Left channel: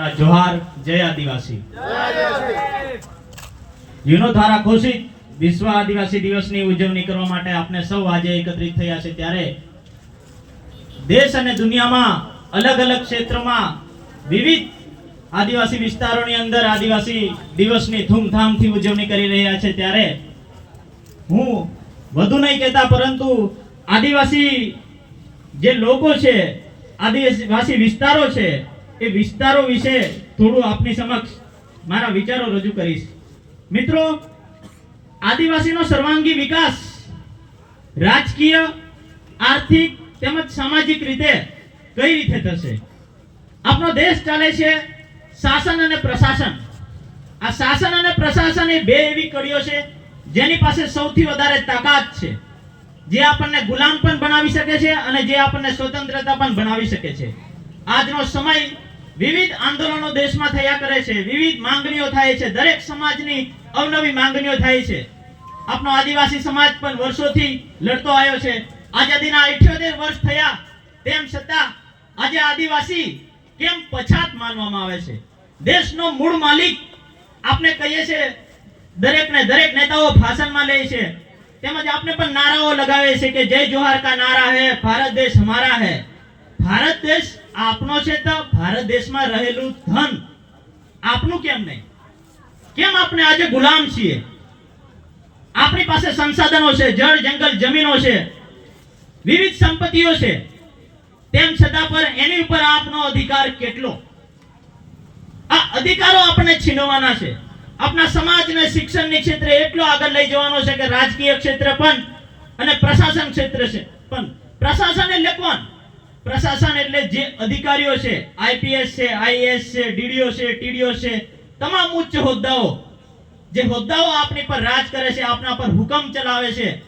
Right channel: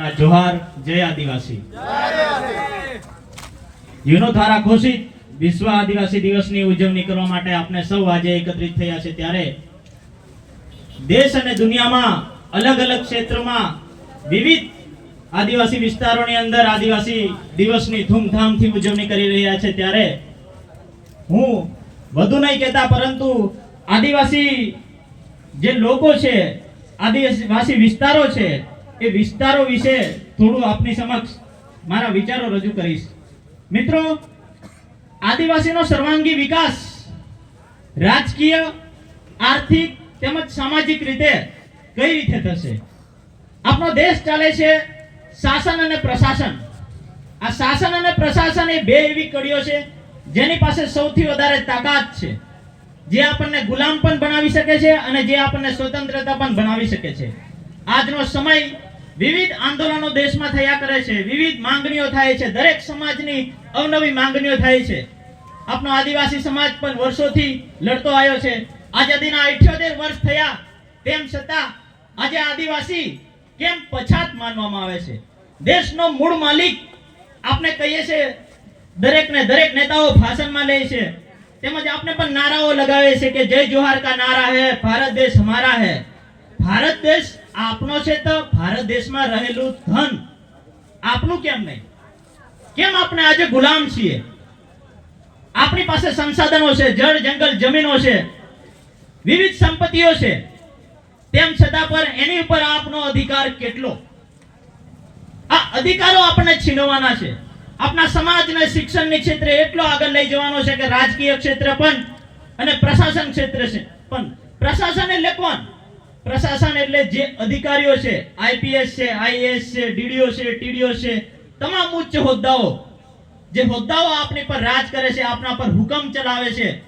जोहार जय आदिवासी યુનો દ્વારા ઘોષિત વિશ્વ આદિવાસી દિવસની ઉજવણી કરવા માટે આપણે સૌ આજે એકત્રિત થયા છે ત્યારે દેશ અને દુનિયામાં અલગ અલગ ક્ષેત્રોમાં વિવિધ આદિવાસી વિસ્તારોની અંદર આદિવાસી દિવસની ધૂમધામથી ઉજવણી કરી રહ્યા છે ત્યારે હું વધુ નહીં કહેતા પરંતુ આદિવાસી જે લોકો છે આદિવાસી વિસ્તારો છે એ વિસ્તારો વિશે થોડું આપની સમક્ષ મારા વિચારો રજૂ કરીશ। મિત્રો, આદિવાસીનો સર્વાંગી વિકાસ રાજકીય, આર્થિક તેમજ સામાજિક રીતે કઈ રીતે થશે? આપણો દેશ ચાલે છે શાસન અને પ્રશાસન। આ શાસન અને પ્રશાસન એ બે એવી કડીઓ છે જેની પાસે સૌથી વધારે તાકાત છે, જે આપણને ગુલામ પણ બનાવી શકે છે અને જે આપણને સ્વતંત્રતા પણ બનાવી શકે છે। આજનો સમય વિવિધ આંદોલનો દેશમાં થયા કરે છે, વિવિધ માંગણીઓ થાય છે, દરેક સમાજની અવનવી માંગણીઓ થાય છે। આપણો આદિવાસી સમાજ પણ વર્ષોથી લડતો આવ્યો છે। આઝાદીના 78 વર્ષ થયા તેમ છતાં આજે આદિવાસી કેમ પછાત માનવામાં આવે છે? દેશનો મૂળ માલિક આપણે કહીએ છીએ, દરેક નેતાઓ ભાષણમાં લે છે, તેમજ આપણે પણ નારાઓ લગાવે છે કે જય જોહાર કા નારા હે, ભારત દેશ હમારા હે। ભારત દેશ આપણો છે તો ભારત દેશમાં રહેલું ધન આપણું કેમ નહીં? કેમ આપણે આજે ગુલામ છીએ? આપણી પાસે સંસાધનો છે, જળ જંગલ જમીનો છે, વિવિધ સંપત્તિઓ છે, તેમ છતાં પર એની ઉપર આપનો અધિકાર કેટલો? આ અધિકારો આપણને છીનવવાના છે। આપણા સમાજને શિક્ષણની ક્ષેત્રે એટલો આગળ લઈ જવાનો છે કે રાજકીય ક્ષેત્ર પણ અને પ્રશાસન ક્ષેત્ર છે પણ પ્રશાસન એટલે કોણ? પ્રશાસન એટલે જે અધિકારીઓ છે, આઈપીએસ છે, આઈએએસ છે, ડીડીઓ છે, ટીડીઓ છે, તમામ ઉચ્ચ હોદ્દાઓ, જે હોદ્દાઓ આપણી પર રાજ કરે છે, આપણા પર હુકમ ચલાવે છે,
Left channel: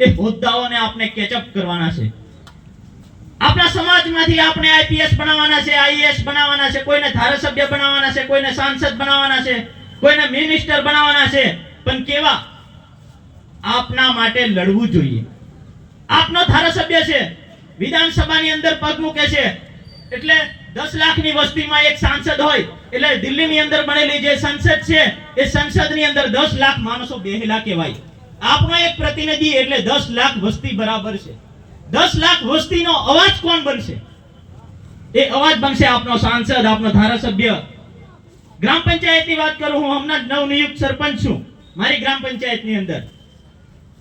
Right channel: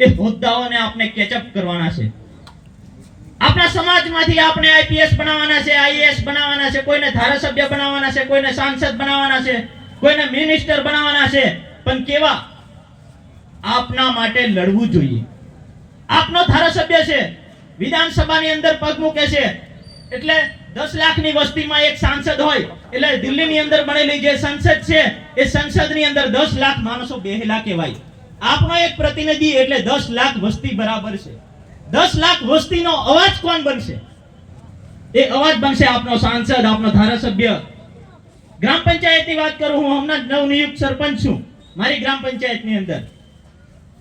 એ હોદ્દાઓને આપણે કેચઅપ કરવાના છે। આપણા સમાજમાંથી આપણે આઈપીએસ બનાવવાના છે, આઈએએસ બનાવવાના છે, કોઈને ધારાસભ્ય બનાવવાના છે, કોઈને સાંસદ બનાવવાના છે, કોઈને મિનિસ્ટર બનાવવાના છે, પણ કેવા? આપના માટે લડવું જોઈએ। આપનો ધારાસભય છે, વિધાનસભાની અંદર પગ મૂકે છે એટલે 10 લાખની વસ્તીમાં એક સાંસદ હોય એટલે દિલ્હીની અંદર બનેલી જે સંસદ છે એ સંસદની અંદર 10 લાખ માણસો બેહેલા કહેવાય। આપણો એક પ્રતિનિધિ એટલે 10 લાખ વસ્તી બરાબર છે। 10 લાખ વસ્તીનો અવાજ કોણ બનશે? એ અવાજ બનશે આપનો સાંસદ, આપનો ધારાસભ્ય। ગ્રામ પંચાયતની વાત કરું, હું હમણાં નવનિયુક્ત સરપંચ છું મારી ગ્રામ પંચાયતની અંદર।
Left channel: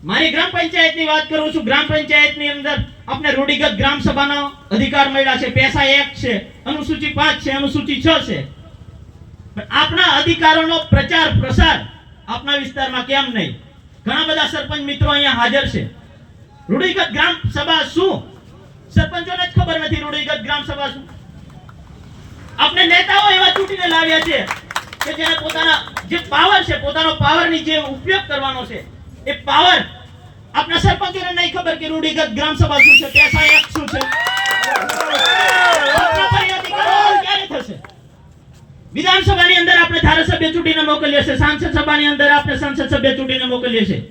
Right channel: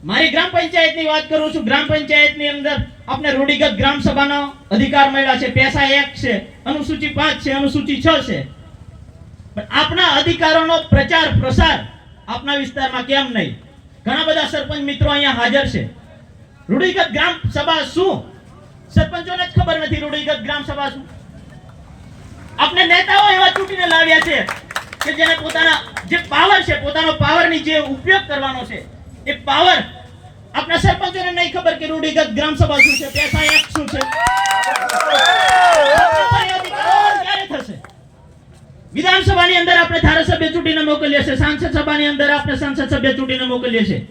મારી ગ્રામ પંચાયતની વાત કરું છું, ગ્રામ પંચાયતની અંદર આપણે રૂઢિગત ગ્રામ સભાનો અધિકાર મળ્યા છે, પૈસા 1 છે, અનુસૂચિ 5 છે, અનુસૂચિ 6 છે, પણ આપણા અધિકારોનો પ્રચાર પ્રસાર આપણા વિસ્તારમાં કેમ નહીં? ઘણા બધા સરપંચ મિત્રો અહીંયા હાજર છે। રૂઢિગત ગ્રામ સભા શું? સરપંચોને જ ખબર નથી રૂઢિગત ગ્રામ સભા શું। આપણે નેતાઓ એવા ચૂંટીને લાવ્યા છે કે જેને પોતાના જે પાવર છે, પોતાનો પાવરની જે ઉપયોગ કરવાનો છે, એ પાવર આપણા સરપંચોને નહીં ખબર કે રૂઢિગત ગ્રામ સભા શું છે, પૈસા 1 શું છે। ક્યારે થશે? વિધાનસભાની અંદર આપણે ધારાસભ્ય ચૂંટીને મોકલીએ છીએ, સાંસદ સભાની અંદર આપણે સંસદ સભ્ય ચૂંટીને મોકલીએ છીએ।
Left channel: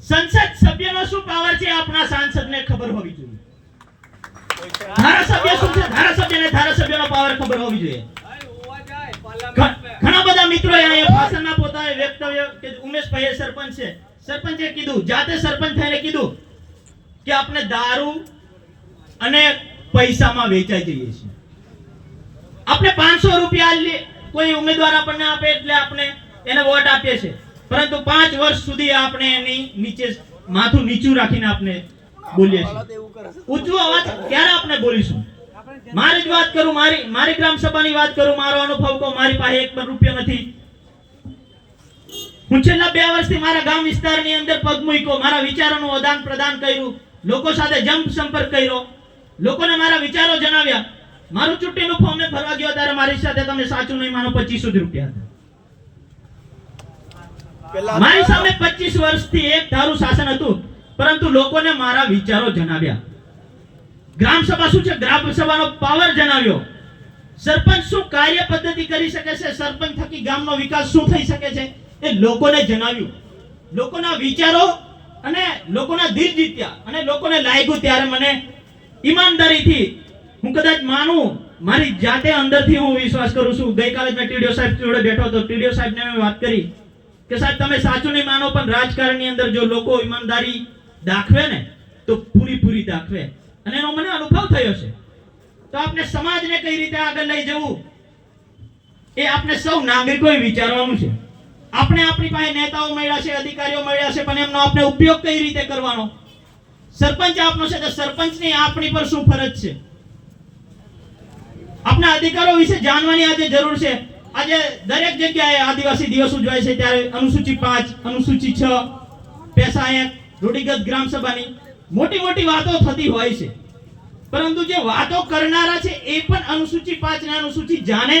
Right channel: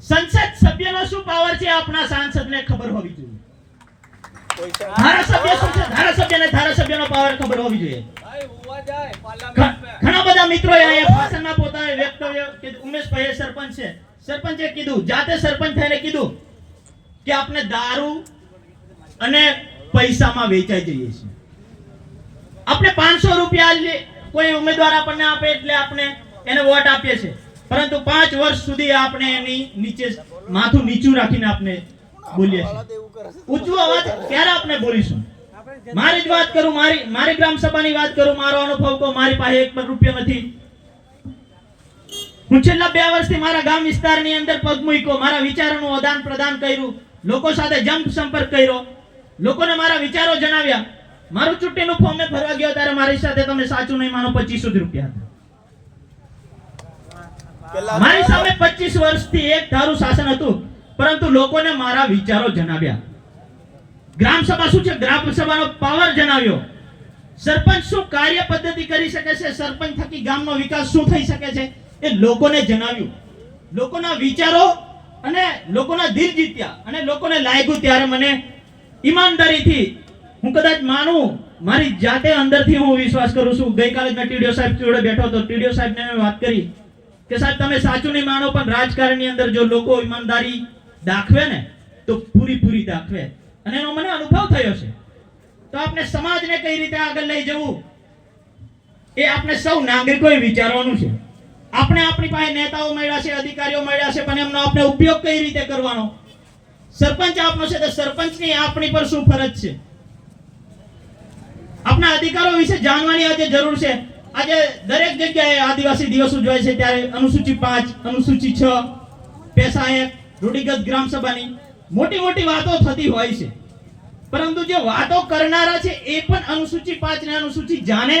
સંસદ સભ્યનો શું પાવર છે આપણા સાંસદને ખબર હોવી જોઈએ। ધારાસભ્ય શું છે, ધારાસભ્યને ધારાસભ્યનો પાવર ખબર હોવી જોઈએ। ઘણા બધા મિત્રો અહીંયા ભાષણમાં પોતાને વ્યક્તવ્ય કે ઉમેશભાઈ સરપંચ છે, સરપંચે કીધું, જાતે સરપંચ થઈને કીધું કે આપણે દારૂ અને પૈસામાં વેચાઈ જઈએ છીએ। આપણે 500 રૂપિયા કોઈ ઉમેદવાર આપણને આપે એટલે આપણે એને વોટ આપીએ છીએ, પરંતુ 5 વર્ષ સુધી આપણે એની નીચે માથું નીચું રાખીને આપણે બોલીએ છીએ। ઊંચો અવાજ ક્યારે આપણે બોલીશું? મારી જ વાત કરું, મારી ગ્રામ સભાની વાત કરું, મારો અનુભવ કહું, મારી પાસે 1 રૂપિયો નથી। હું છેલ્લા 2 વર્ષથી મારા ગામ વિસ્તારની અંદર પગ મૂક્યો, મારા વિચારોનું આદાન પ્રદાન કર્યું, લોકો સાથે જંપ સંપર્ક કર્યો, લોકોને મારા વિચારો જણાવ્યા। મારું ચૂંટણીનું ફોર્મ ભરવા ગયો ત્યારે મારી સાથે, તમે સાચું નહીં માનો, 2500 રૂપિયા હતા। મારી સામે 25 વર્ષથી એક ધારું શાસન હતું, પરંતુ લોકોને મારા વિચારો જણાવ્યા। ગ્રામ સભા શું છે, ગ્રામ સભાનો પાવર જણાવ્યો। સરપંચ શું કાર્ય પદ્ધતિ કરી શકે છે, સરપંચ થકી ગામનો વિકાસ શું થઈ શકે છે, એ લોકોને જણાવ્યું। લોકોના વિચારો અને લોકોના દિલ જીત્યા અને લોકોને લાગ્યું ત્યારે મને ઈમાનદારીથી હું કદાચ માનું મારી જાતે અંદરથી હું વિશ્વાસ કરું છું. ગઈકાલે મેં ટીડીઓ સાહેબ જોડે બેઠો હતો. ટીડીઓ સાહેબને મેં વાત કરી કે સાહેબ તમે સાચું નહીં માનો પણ રાજકારણની અંદર જો લોકો ઈમાનદારી દાખવે ને તો પૂરી દાખવે, અને એનો મને અનુભવ થયો છે. તો આપણે સમાજને કઈ રીતે આગળ લઈ જવું એ આપણે સૌ નાગરિકોએ વિચારવાનું છે. આપણે આપણી પાસે નેતાઓ મળ્યા છે, અધિકારીઓ મળ્યા છે, પણ એમનો આપણે ઉપયોગ કઈ રીતે કરવાનો? સરપંચ આપનો છે તો સરપંચની આપણી પર શું ફરજ છે? આપણા અધિકારો વિશે જાણવાની આજે જરૂર છે. આજે દરેક જગ્યાએ આદિવાસી દિવસ ઉજવાય છે ત્યારે અનુસૂચિ 5, અનુસૂચિ 6, પૈસા 1, રૂઢિગત ગ્રામ સભાની મોટી વાતો થતી હોય છે, પરંતુ જે વાતો કરનારા છે એ પણ અનુસૂચિ 5 ને અનુસૂચિ જાણે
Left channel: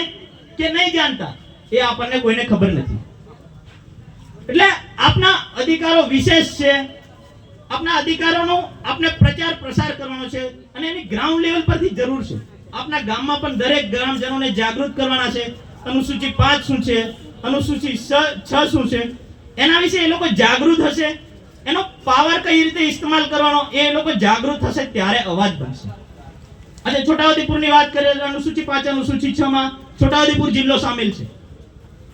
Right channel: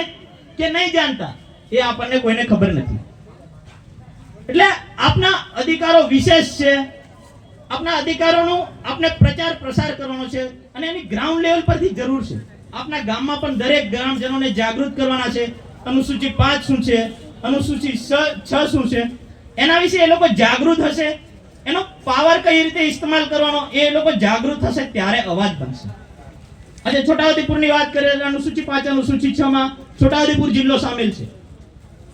કે નહીં જાણતા એ આપણને કોઈને ખબર નથી. એટલે આપના અધિકારો વિશેષ છે. આપના અધિકારોનો આપણે પ્રચાર પ્રસાર કરવાનો છે અને એની ગ્રાઉન્ડ લેવલ પરથી જરૂર છે. આપના ગામમાં પણ દરેક ગ્રામજનોને જાગૃત કરવાના છે. અનુસૂચિ 5 શું છે, અનુસૂચિ 6 શું છે, એના વિશે એ લોકો જાગૃત હશે. એનો પાવર કઈ રીતે ઇસ્તેમાલ કરવાનો એ લોકો જાગૃત થશે ત્યારે અવાજ બનશે. આજે છોટાઉદેપુરની વાત કરીએ, અનુસૂચિ 5 અનુસૂચિ 6 માં છોટાઉદેપુર જિલ્લો સામેલ છે,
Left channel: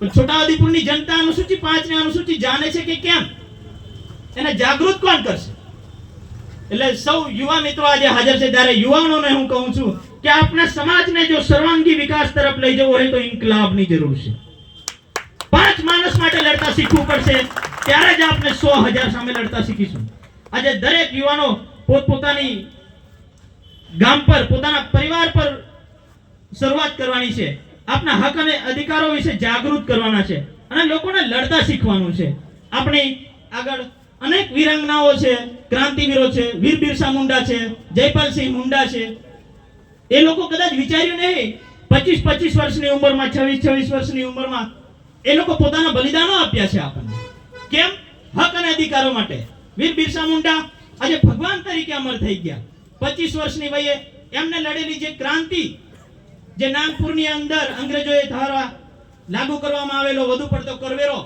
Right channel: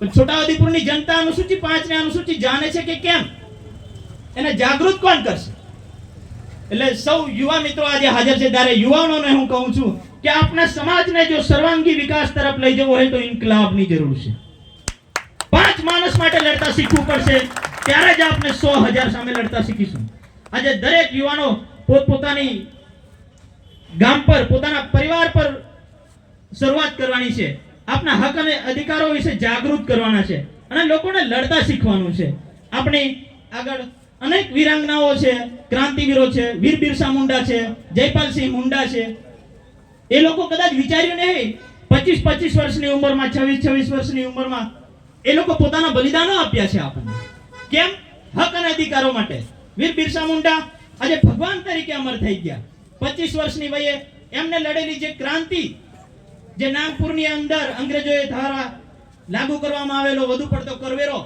પણ છોટાઉદેપુરની જનતા અનુસૂચિ 5 ને અનુસૂચિ જાણે છે કે કેમ? એને જાગૃત કોણ કરશે? એટલે સૌ યુવા મિત્રો આજે હાજર છે ત્યારે યુવાનોને હું કહું છું કે આપણા સમાજને જો સર્વાંગી વિકાસ તરફ લઈ જવો હોય તો ઇન્કલાબની જરૂર છે. 5 માણસ માટે લડતા શીખવું પડશે, ત્યારે જ આપણે 100,000 સામે લડતા શીખીશું. આજે દરેક યુવાનો પોતપોતાની ગામ પર, પોતાના પરિવાર પર શરૂઆત કરવાની છે. આપના હક અને અધિકારો વિશે જાગૃત કરવાના છે અને લોકોને લડતા શીખવાનું છે. આપણી આગળ અનેક વીરાંગનાઓ છે, ક્રાંતિવીરો છે, વીર બિરસા મુંડા છે, જયપાલસિંહ મુંડા છે. એ લોકો કદાચ વિચાર્યું નહીં 25 વર્ષની ઉંમરમાં, 26 વર્ષની ઉંમરમાં એ લોકો પોતાના બલિદાનો આપ્યા છે આપણને. કેમ? હક અને અધિકારો માટે. વીર બિરસા મુંડા આજે ભગવાન તરીકે અમર થઈ ગયા. 25 વર્ષની વયે એમને લડેલી જે ક્રાંતિ, જે નાગપુરની અંદર અંગ્રેજોએ દ્વારા લાગુ કરવામાં આવેલો વધુ પડતો કરવેરો,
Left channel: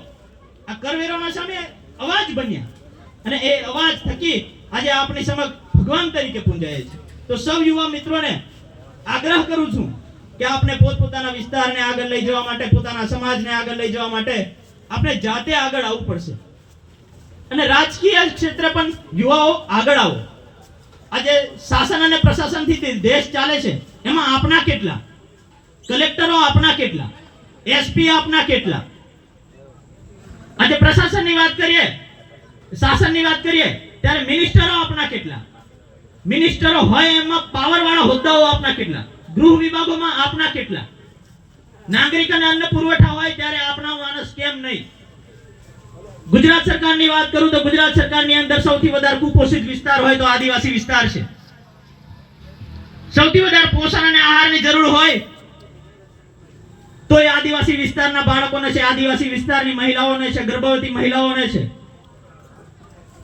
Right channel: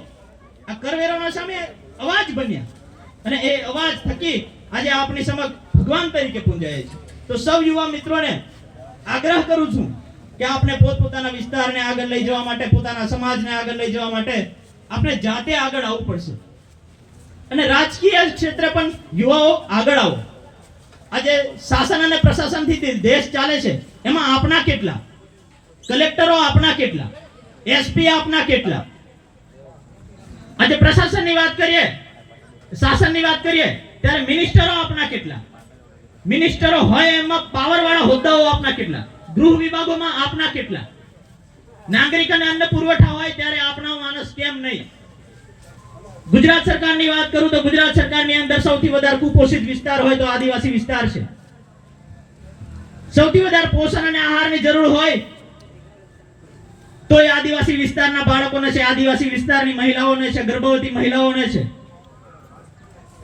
આ કરવેરોના સામે અવાજ બન્યા અને એ અવાજ થકી આજે આપણી સમક્ષ ભગવાન તરીકે પૂંજાય છે. તો સૌ યુવા મિત્રોને આગ્રહ કરું છું કે આપણે પોતપોતાના વિસ્તારને આગળ લઈ જવા માટે, પોતાના સમાજને આગળ લઈ જવા માટે આપણે જાતે આગળ આવવું પડશે અને રાજકીય ક્ષેત્રે પણ યુવાઓ આગળ આવો. આજે શાસન અને પ્રશાસનથી દેશ ચાલે છે, એમાં આપણા કેટલા? કલેક્ટરો આપના કેટલા? એસપી આપના કેટલા? આજે પ્રશાસનની વાત કરીએ, શાસનની વાત કરીએ ત્યારે મિનિસ્ટરો આપના કેટલા? મિનિસ્ટરો હોય એમાં પાવર વાળા હોદ્દાઓ આપના કેટલા? ગૃહ વિભાગોમાં આપના કેટલા? નાગરિક અને અન્ન પુરવઠા હોય ત્યારે આપના માણસ કેમ નહીં? ગુજરાત સરકારની વાત કરું તો ગુજરાત સરકારની અંદર સૌથી વધારે કુપોષિત વિસ્તાર હોય તો આદિવાસી વિસ્તાર છે. સૌથી વધારે પોષણ અને આહારની જરૂર હોય તો એ આદિવાસી વિસ્તારના બાળકોને છે, આદિવાસી વિસ્તારની મહિલાઓને છે, ગર્ભવતી મહિલાઓને છે.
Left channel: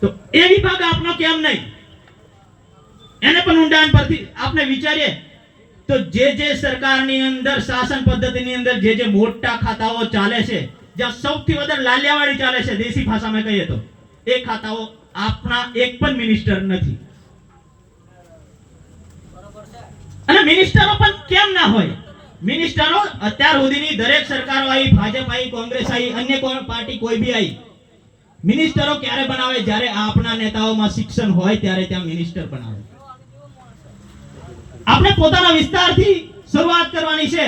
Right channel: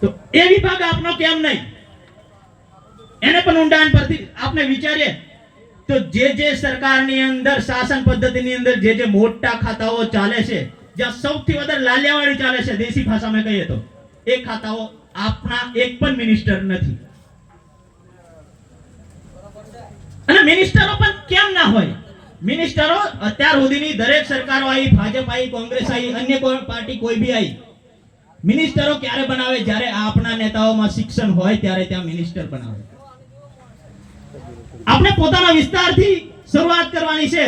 તો એ વિભાગ આપનો કેમ નહીં? એને પણ ઊંડાણ પરથી આપણે વિચારીએ તો જે સરકારની અંદર, શાસન પદ્ધતિની અંદર જે મોટા ખાતાઓ ચાલે છે, જ્યાં સૌથી વધારે લાલિયાવાડી ચાલે છે, દેશી ભાષામાં કહીએ તો એ ખાતાઓ આપના એક પણ મિનિસ્ટર નથી. અને મિનિસ્ટરો પણ કેમ ના હોય? મિનિસ્ટરો અત્યાર સુધીની દરેક સરકારો આવી, ભાજપ આવી, કોંગ્રેસ આવી, અન્ય કોઈ પાર્ટી કોઈ બી આવી, મિનિસ્ટરો ક્યારે બનાવે? જ્યારે આપના નેતાઓમાં શિક્ષણ હોય ત્યારે ત્યાં મિનિસ્ટર બનાવે. આપણે પોતાના વિસ્તારથી શરૂઆત કરવાની છે.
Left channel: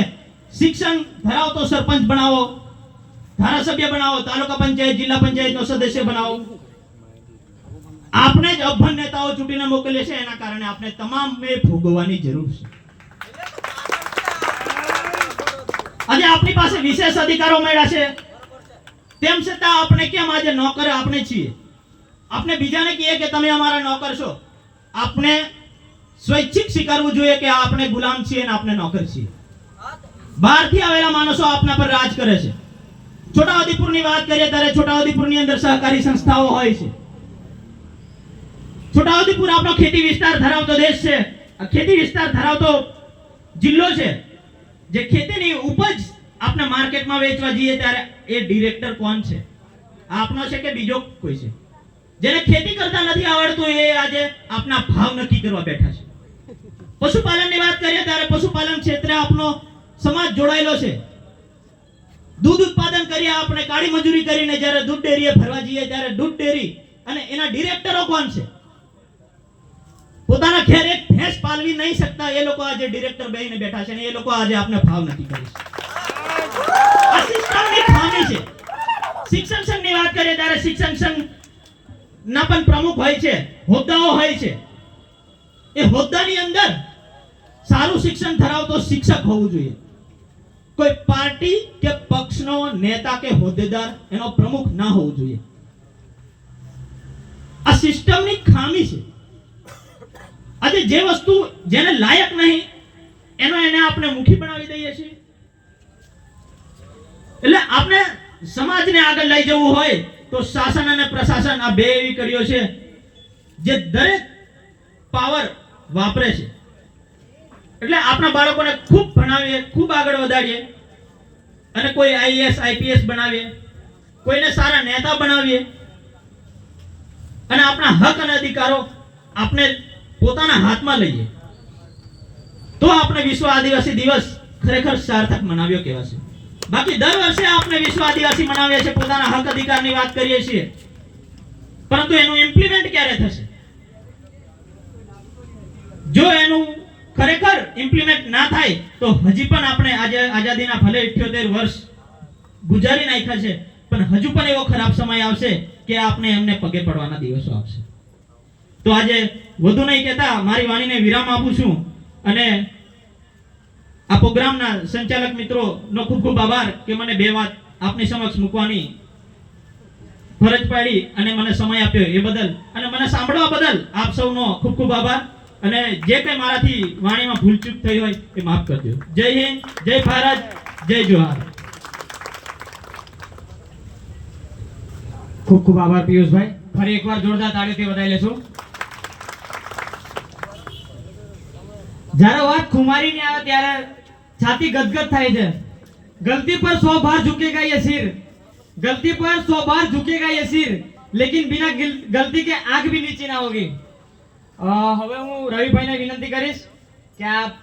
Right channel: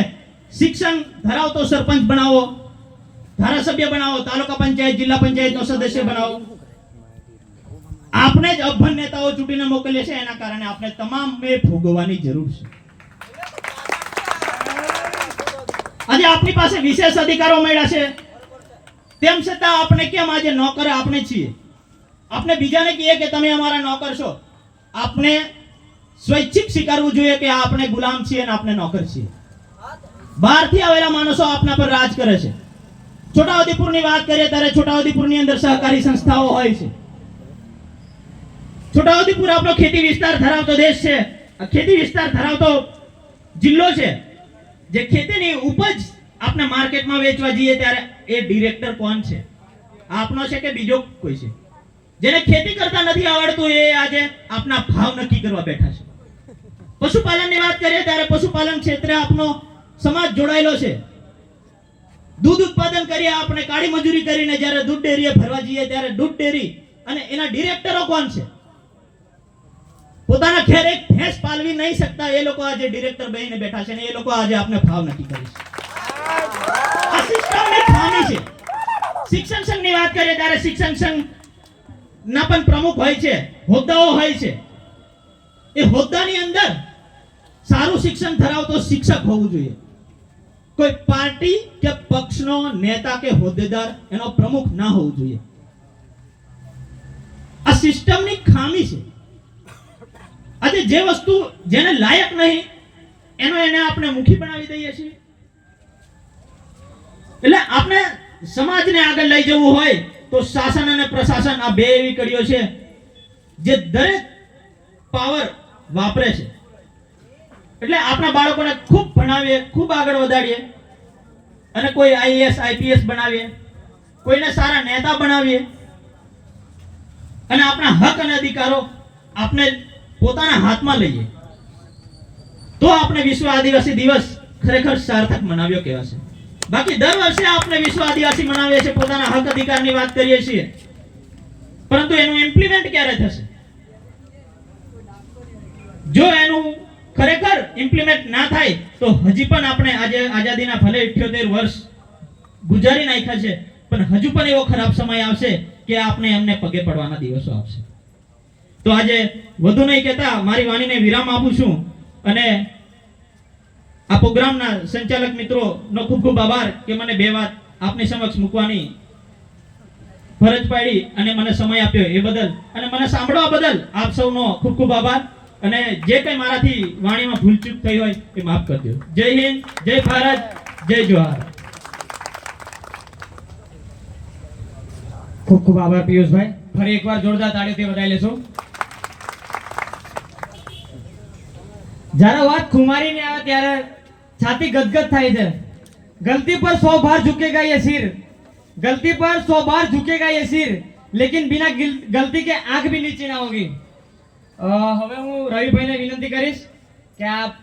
શિક્ષણ ધરાવતો સરપંચ બનાવો, ધારાસભ્ય બનાવો, તાલુકા પંચાયત, જિલ્લા પંચાયતનો સદસ્ય બનાવો. આપણે જ અભણ નેતાઓ ચૂંટીને મોકલીએ છે, એના કારણે આપણે તમામને ભોગવવાની જરૂર છે. આજે આપણી પાસે વિશેષ અધિકારો મળ્યા છે, તેમ છતાં આપણે કેમ આજે નોકર આપણે છીએ? આપણે બીજાને કહીએ કે તમે અમારા નોકર છો. આપણે સ્વૈચ્છિક સ્વીકારવું જોઈએ કે આપણે ગુલામ છીએ અને આપણે નોકર છીએ. બહારથી આવેલા માણસો આપના પર રાજ કરે છે. છોટાઉદેપુરની વાત કરીએ ત્યારે છોટાઉદેપુરની અંદર સહકારી સંસ્થાઓ હોય છે. છોટાઉદેપુર આપણો ખેતી વિસ્તાર ધરાવતો દેશ છે, ખેતી વિસ્તાર ધરાવતો જિલ્લો છે. જે ખેતીની ઉપજ આપણે માર્કેટમાં વેચવા જઈએ ત્યારે એ ડિરેક્ટર કોણ છે? આપનો છે કે બીજો કોઈ છે? જેને ખેતી કરતા નથી આવડતું એ આજે આપના ભાવ નક્કી કરવા બેઠા છે. પશુપાલનની વાત કરીએ ત્યારે પશુપાલન ક્ષેત્રે આપણો સમાજ જોડાયેલો છે. દૂધ ઉત્પાદન કરીએ આપણે કાળી મજૂરી કરીને જ્યારે દૂધ ડેરીએ ફરવા જઈએ ત્યારે દૂધ ડેરી અને એના ડિરેક્ટરો કોણ છે? પોતાના ઘેર એક ભેંસ પાલવી નહીં શકતા એ લોકો આજે ડિરેક્ટર બનીને બેઠા છે અને એ લોકો આજે આપણે ભાવ નક્કી કરી છે. આ સિસ્ટમની ખામી છે. શિક્ષણ સંઘની વાત કરીએ ત્યારે શિક્ષણ સંઘ ના પણ પ્રમુખ હોય છે, હોદ્દાઓ હોય છે. એ હોદ્દાની અંદર સારું શિક્ષણ ધરાવતો શિક્ષક હોવું જોઈએ. કોઈ પાર્ટી કે પક્ષનો નેતા કે હોદ્દેદાર એનો પ્રમુખ ના હોવું જોઈએ. આ સિસ્ટમની ખામી છે. આજે જે વસ્તુ જેને લાયક નહીં એને આપણે મુખી બનાવી દઈએ છીએ. એટલે આપણે સમાજને આગળ લઈ જવું હોય તો શાસન અને પ્રશાસન આ બે એવી કડીઓ છે જે દરેક પાવર વાપરે છે. એટલે આપણા બાળકોને ખૂબ ભણાવીએ, ખૂબ આગળ વધારીએ અને કોઈ આઈએએસ આઈપીએસ બનાવીએ, કોઈને સારા નેતા બનાવીએ અને આપણા હક અને અધિકારો આપણે પોતાના હાથમાં લઈએ તો આપણે વિશ્વ આદિવાસી દિવસ ખરેખર સાર્થક મનાવ્યો કહેવાશે. બાકી દર વર્ષે આપણે વિશ્વ આદિવાસી મનાવીએ છીએ, પોતાના હક અધિકારની વાત કરીએ છીએ, પરંતુ એનું ઇમ્પ્લિમેન્ટ ક્યારે થશે? જો એનું ખરેખર ઇમ્પ્લિમેન્ટ ના થાય તો હજી પણ આપણે આજે આઝાદીના ભલે 78 વર્ષ ગુજારી નાખ્યા છે, પણ હજુ પણ એવો ખરાબ સમય આવશે કે આપણે એમને પગે પડવાના દિવસો આવશે. તો આજે વધુ નહીં કહેતા મારી વાણીને વિરામ આપું છું અને આ પ્રોગ્રામના સંચાલક મિત્રોનો ખૂબ ખૂબ આભાર કે મને બે વાત આપની સમક્ષ મૂકવાની ફરજ પાડી અને મને સમય આપ્યો એ બદલ અને મને સાંભળવા બદલ આપ સૌનો ખૂબ ખૂબ આભાર. અને જે કંઈ મારાથી વાણીમાં ભૂલચૂક થઈ હોય એ માફ કરજો. જય હિન્દ, જય ભારત, જય જોહાર. ખૂબ ખૂબ આભાર પિયુષભાઈ. ફરી એકવાર જોરદાર તાળીથી વધાવી લેશું. જ્યારે વાત ખુમારીની આવે ત્યારે છાતી ગદગદ થાય છે. गलती पर 100 बार झुकेगा ये सिर, गलती पर 100 बार झुकेगा ये सिर, लेकिन बिना गलती के आंख भी नीचे ना होगी. હવે હું રવિભાઈને વિનંતી કરીશ કે આપ